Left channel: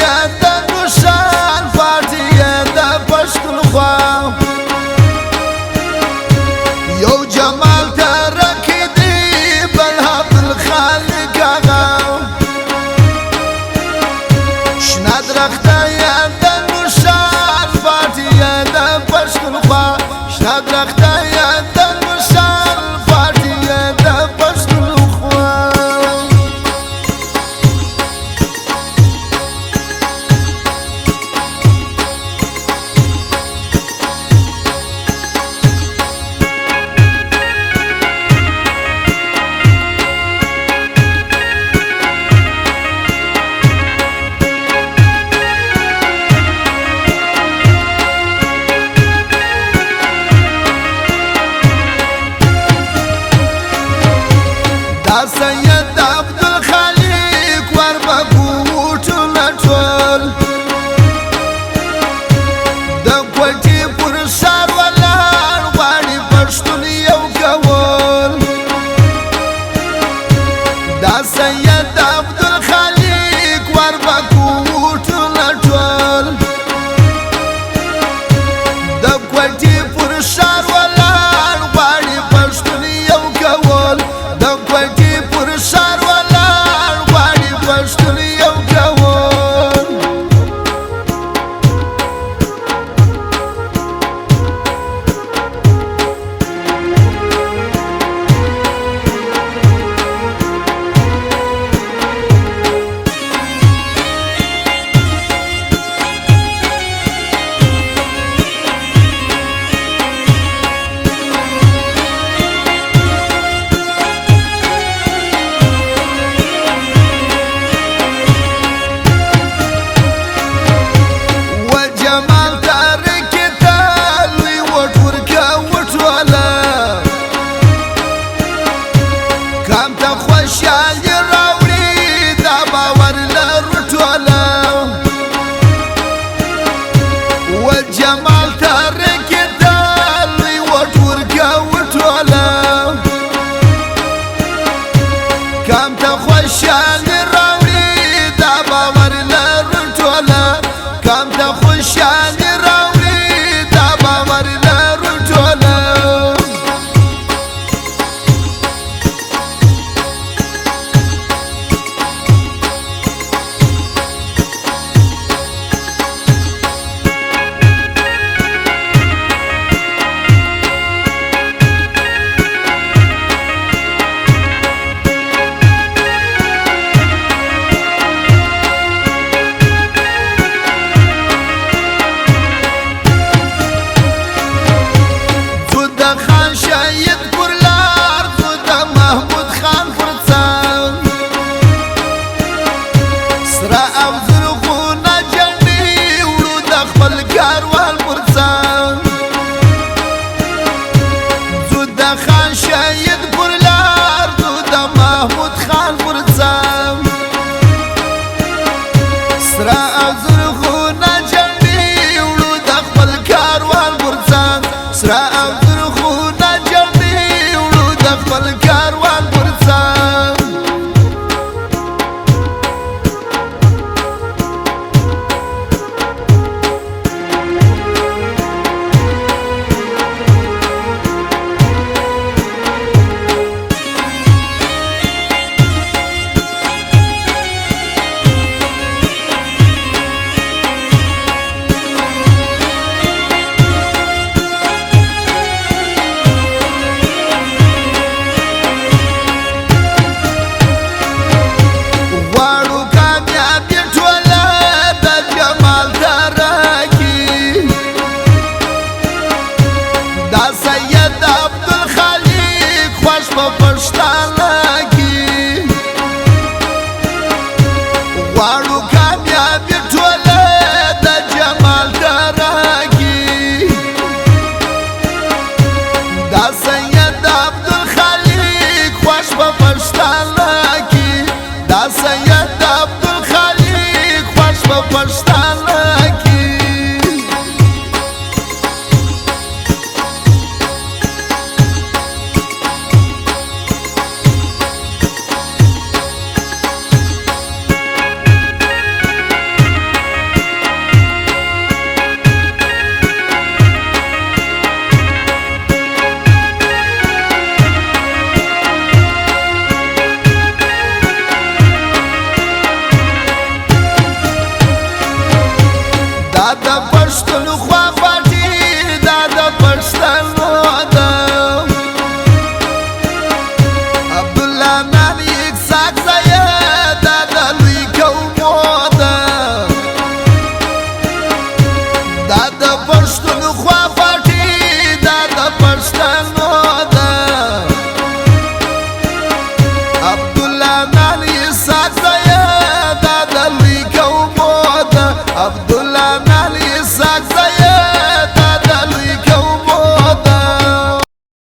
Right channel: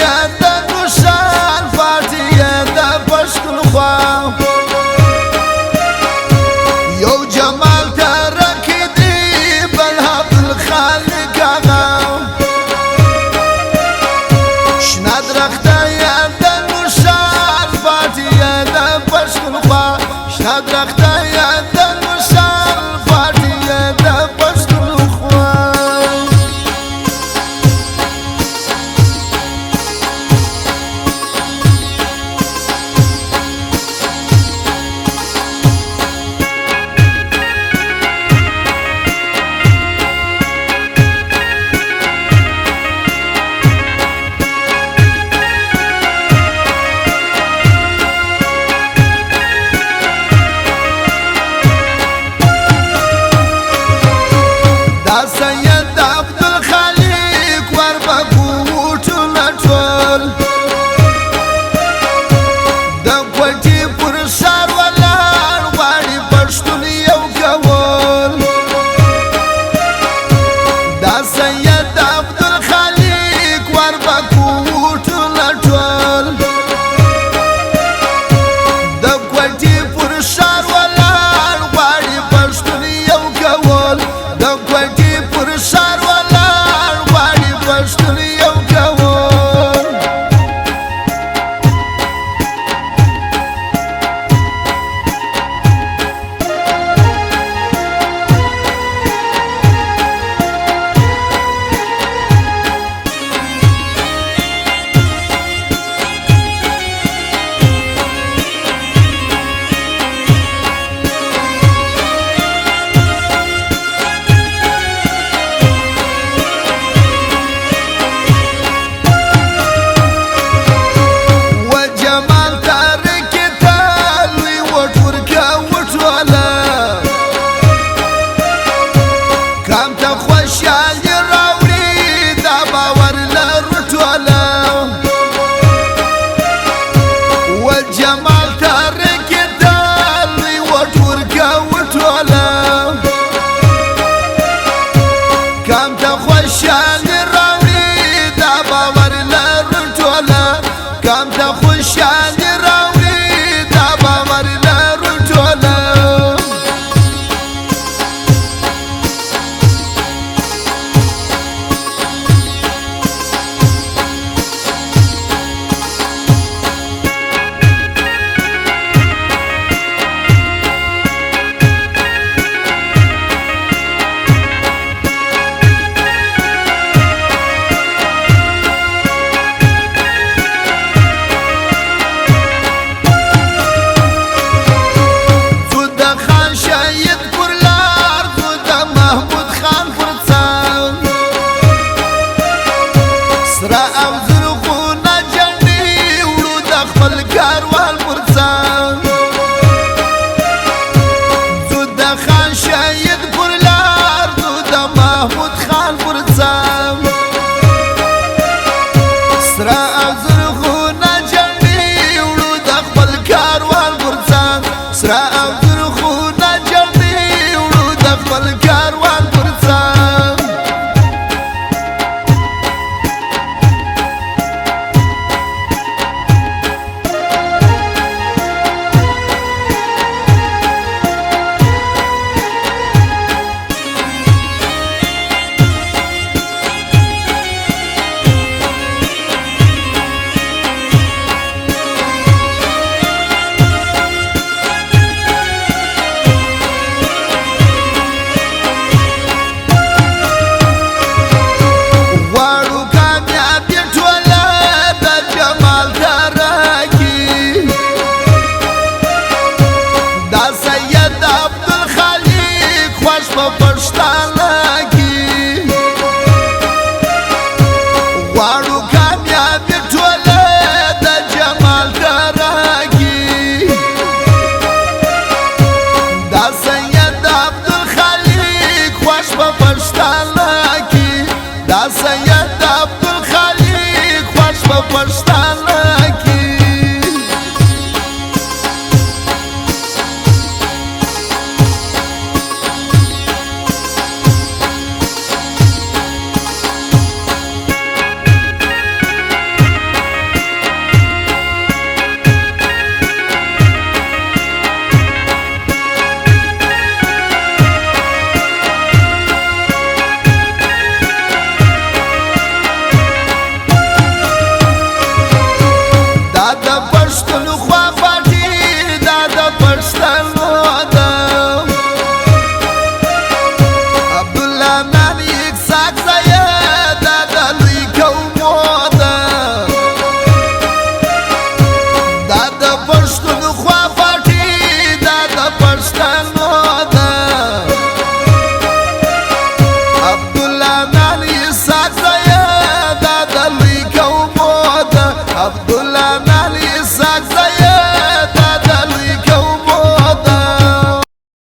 يا دنوشان فاتي يا دبشكل خوا يو جمال تركدي بالهب الخالق آغا شنا درخته يا دنوشان فاتي يا دبشكل خوا شنا درخته يا دنوشان فاتي يا دبشكل خوا دا سید عبدالخالق وربکوټونه ټول د کوټې پر سر ولاړ غواړي پښتون یو کول دا سید عبدالخالق وربکوټونه ټول د کوټې پر سر ولاړ غواړي پښتون یو کول د کوټې پر سر ولاړ غواړي پښتون یو کول کام ته خوشحالي راوړي دا باور لرو ټوله وجمال ته رکېدل لوی وټ ورکوو ټوله کام ته خوشحالي راوړي دا باور لرو ټوله کام ته خوشحالي راوړي دا باور لرو ټوله شهید پر لار زو د محمود خان پر څنګ سره او زرغونه جنډې وړو د خپل کاروان پر څنګ زو د خان شهید پر لار زو د محمود خان پر څنګ سره او زرغونه جنډې وړو د خپل کاروان پر څنګ سره او خپل کاروان پر څنګ سید عبدالخالق خوش په پښتانه کې غواړو کامیابي ټوله د جمال دره کې دا سید عبدالخالق خوش په پښتانه کې دا سید عبدالخالق خوش په پښتانه کې دا د پښتون خوا پټي دا د پښتنو ده عبدالله نانیک ساکزیه دا د لوی قومو ده دا د پښتون خوا پټي دا د پښتنو ده عبدالله نانیک ساکزیه دا د لوی قومو ده عبدالله نانیک ساکزیه